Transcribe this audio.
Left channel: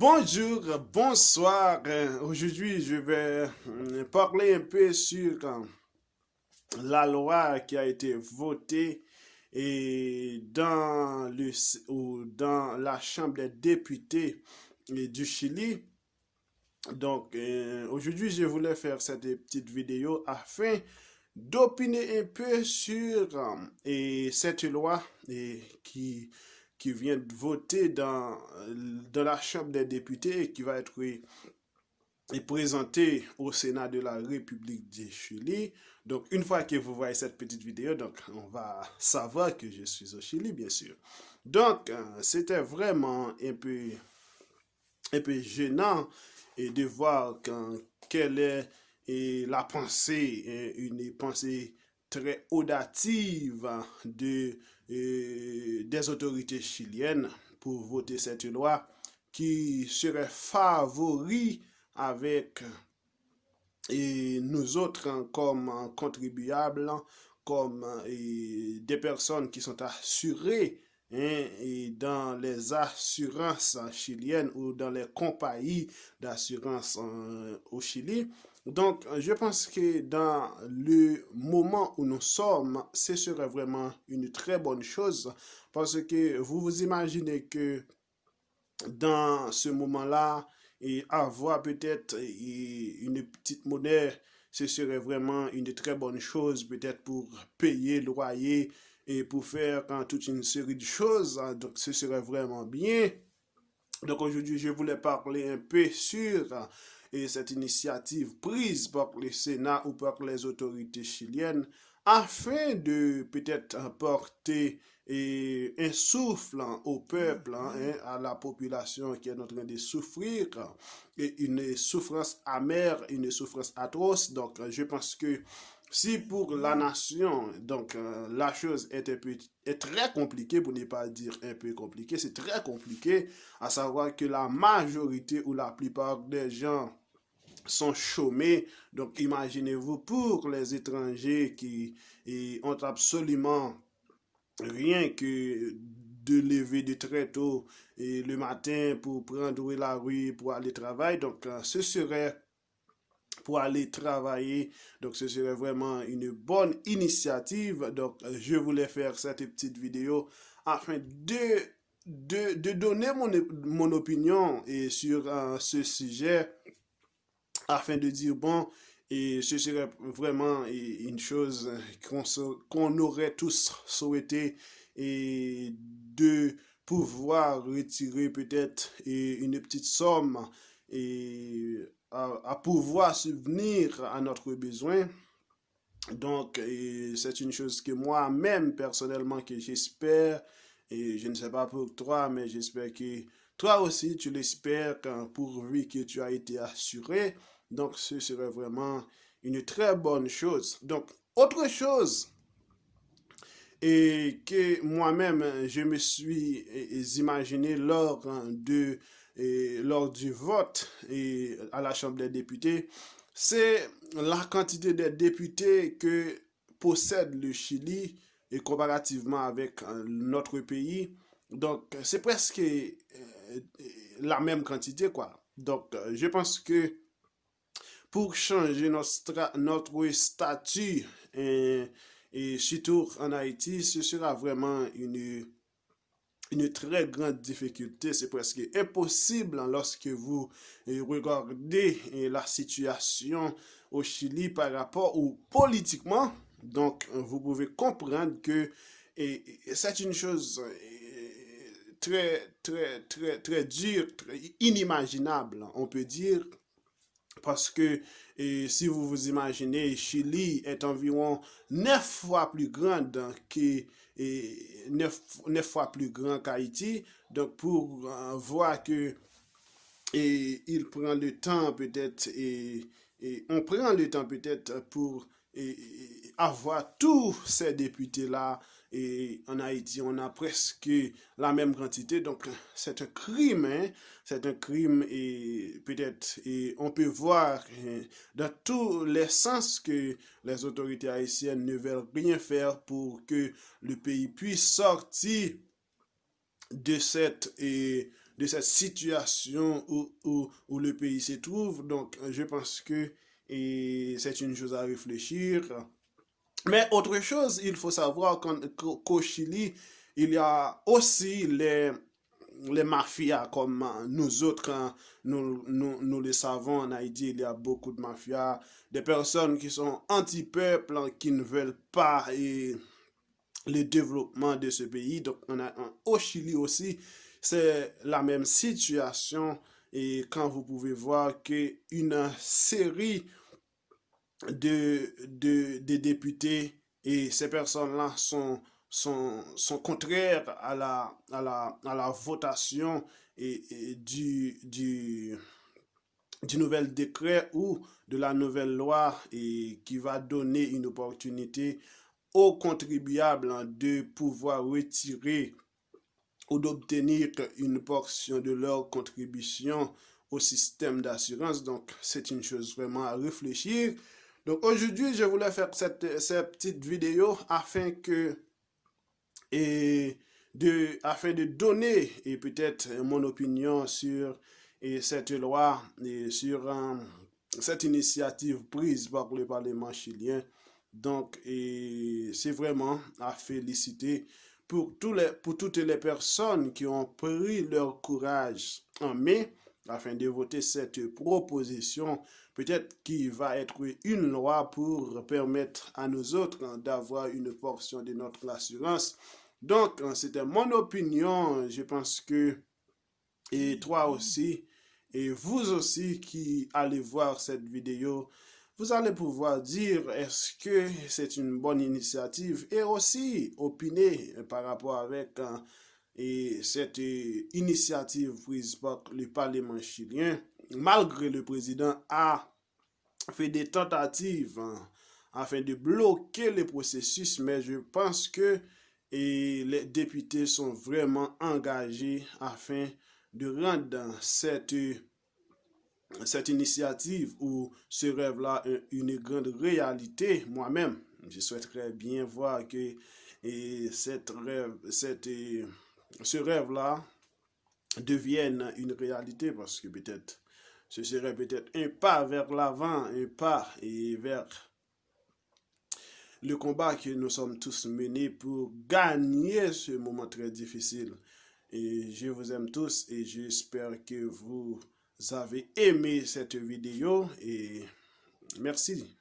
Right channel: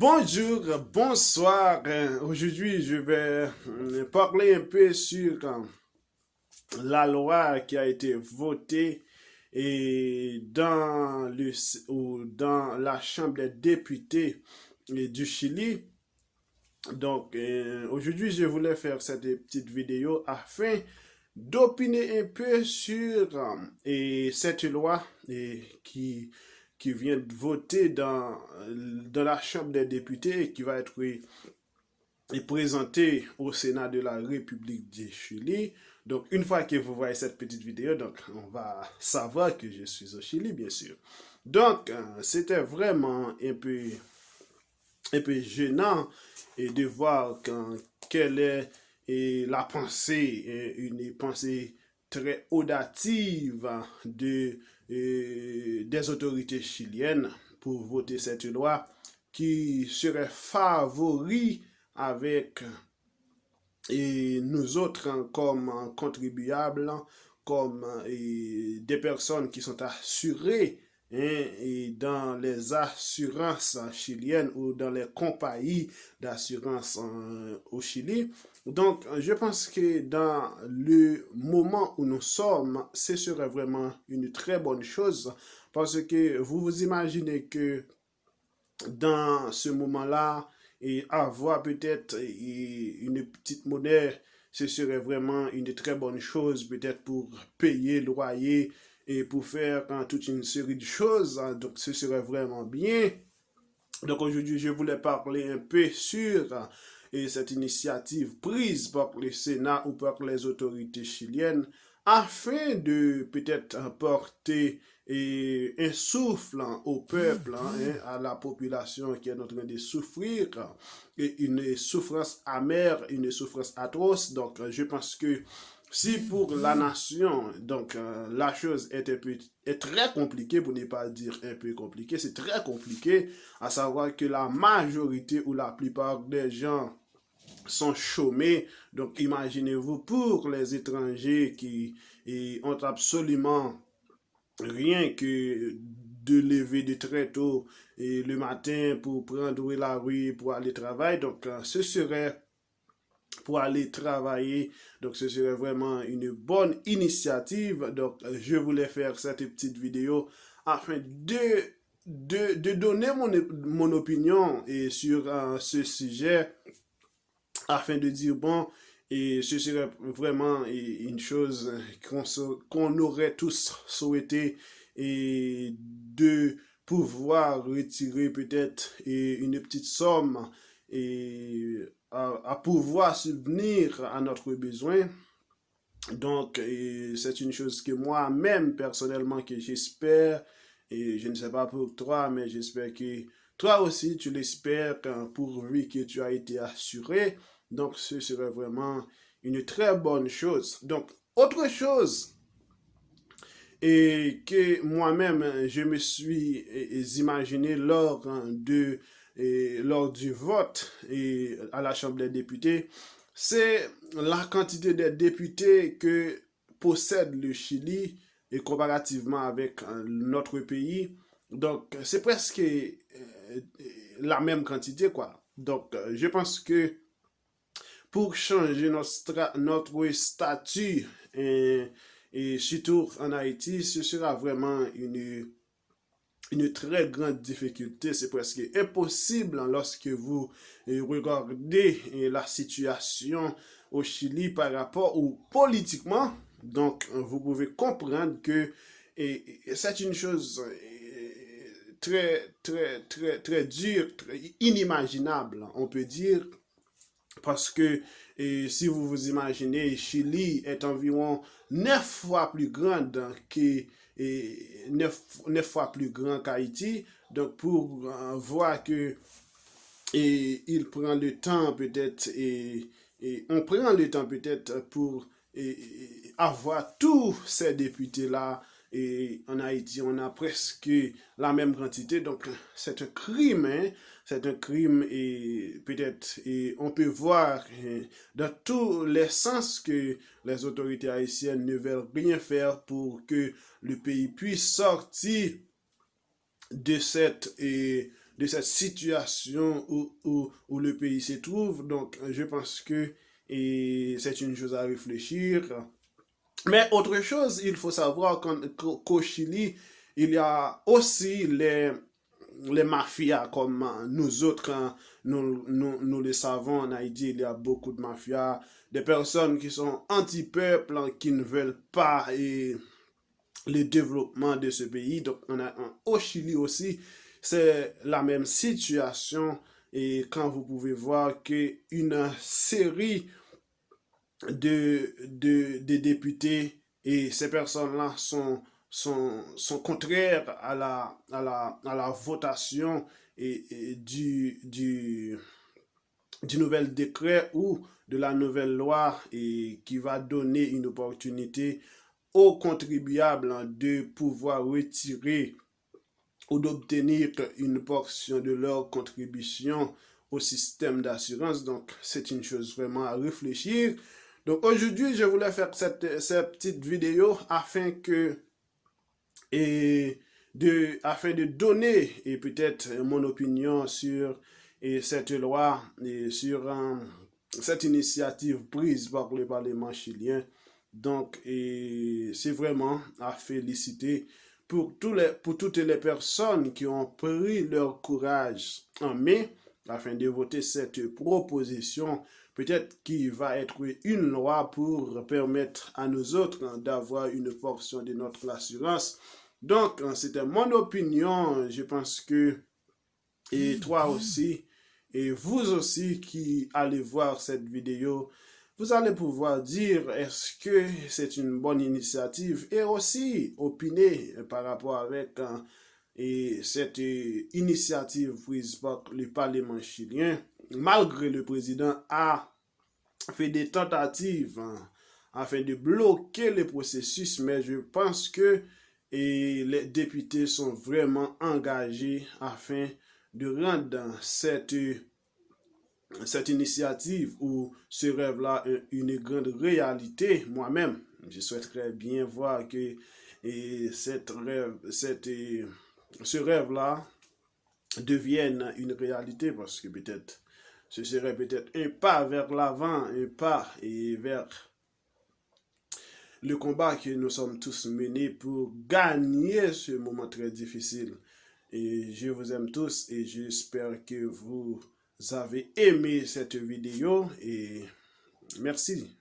Bonjour, bonsoir. Aujourd'hui, je vais parler un peu sur la loi qui a été votée dans la Chambre des députés du Chili. Donc, aujourd'hui, je voulais faire cette petite vidéo afin d'opiner un peu sur cette loi qui vient de voter dans la Chambre des députés et qui va être présentée au Sénat de la République du Chili. Donc, une fois que vous voyez cette petite vidéo, donc, on va savoir que je suis au Chili, bien sûr. Donc, c'était vraiment un peu gênant de voir quelle est la pensée, une pensée très audative des autorités chiliennes pour voter cette loi qui serait favori avec nous autres comme contribuables, comme des personnes qui sont assurées et dans les assurances chiliennes ou dans les compagnies d'assurance au Chili. Donc, je pense que dans le moment où nous sommes, ce serait vraiment une très bonne chose parce que vous vous imaginez que dans ce moment-là, et avoir peut-être une petite monnaie, ce serait vraiment une très bonne chose, peut-être pour payer le loyer et pour faire toute une série de choses. Donc, ce serait vraiment bien. Donc, aujourd'hui, je voulais parler un peu sur cette initiative prise par le Sénat ou par les autorités chiliennes afin de peut-être porter un souffle au peuple, à la population qui est en train de souffrir, et une souffrance amère, une souffrance atroce. Donc, je pense que si pour la nation, donc la chose est très compliquée, pour ne pas dire un peu compliquée, c'est très compliqué, à savoir que la majorité ou la plupart des gens sont chômés. Donc, imaginez-vous pour les étrangers qui ont absolument rien que de lever de très tôt et le matin pour prendre la rue pour aller travailler. Donc, ce serait pour aller travailler. Donc, ce serait vraiment une bonne initiative. Donc, je voulais faire cette petite vidéo afin de donner mon opinion sur ce sujet afin de dire, bon, et ce serait vraiment une chose qu'on aurait tous souhaité et de pouvoir retirer peut-être une petite somme et à pouvoir subvenir à notre besoin. Donc, c'est une chose que moi-même, personnellement, que j'espère, et je ne sais pas pour toi, mais j'espère que toi aussi, tu l'espères pourvu que tu as été assuré. Donc, ce serait vraiment une très bonne chose. Donc, autre chose, et que moi-même, je me suis imaginé lors du vote à la Chambre des députés, c'est la quantité de députés que possède le Chili et comparativement avec notre pays. Donc, c'est presque la même quantité, quoi. Donc, je pense que pour changer notre statut et surtout en Haïti, ce sera vraiment une très grande difficulté. C'est presque impossible lorsque vous regardez la situation au Chili par rapport ou politiquement. Donc, vous pouvez comprendre que c'est une chose très, très, très, très dure, inimaginable, on peut dire, parce que si vous vous imaginez, Chili est environ 9 fois plus grande que 9 fois plus grand qu'Haïti. Donc pour voir que il prend le temps peut-être et on prend le temps peut-être pour avoir tous ces députés-là. Et en Haïti, on a presque la même quantité. Donc, c'est un crime, hein? C'est un crime et peut-être on peut voir dans tous les sens que les autorités haïtiennes ne veulent rien faire pour que le pays puisse sortir de de cette situation où le pays se trouve. Donc, je pense que c'est une chose à réfléchir. Mais autre chose, il faut savoir qu'au Chili, il y a aussi les mafias, comme nous autres, hein, nous le savons en Haïti, il y a beaucoup de mafias, des personnes qui sont anti-peuple, hein, qui ne veulent pas le développement de ce pays. Donc, au Chili aussi, c'est la même situation. Et quand vous pouvez voir qu'une série de députés et ces personnes-là sont contraires à la votation du nouvel décret ou de la nouvelle loi qui va donner une opportunité aux contribuables de pouvoir retirer ou d'obtenir une portion de leur contribution au système d'assurance. Donc, c'est une chose vraiment à réfléchir. Donc, aujourd'hui, je voulais faire cette petite vidéo afin de donner et peut-être mon opinion sur cette loi et sur cette initiative prise par le Parlement chilien. Donc, c'est vraiment à féliciter pour toutes les personnes qui ont pris leur courage en main afin de voter cette proposition, peut-être qui va être une loi pour permettre à nous autres d'avoir une portion de notre assurance. Donc, c'était mon opinion. Je pense que, et toi aussi, et vous aussi qui allez voir cette vidéo, vous allez pouvoir dire est-ce que c'est une bonne initiative et aussi opiner par rapport avec cette initiative prise par le Parlement chilien, malgré le président a fait des tentatives afin de bloquer le processus, mais je pense que les députés sont vraiment engagés afin de rendre cette initiative ou ce rêve-là une grande réalité. Moi-même, je souhaiterais bien voir que ce rêve-là devienne une réalité parce que peut-être ce serait peut-être un pas vers l'avant, un pas et vers le combat que nous sommes tous menés pour gagner ce moment très difficile. Et je vous aime tous et j'espère que vous avez aimé cette vidéo et merci.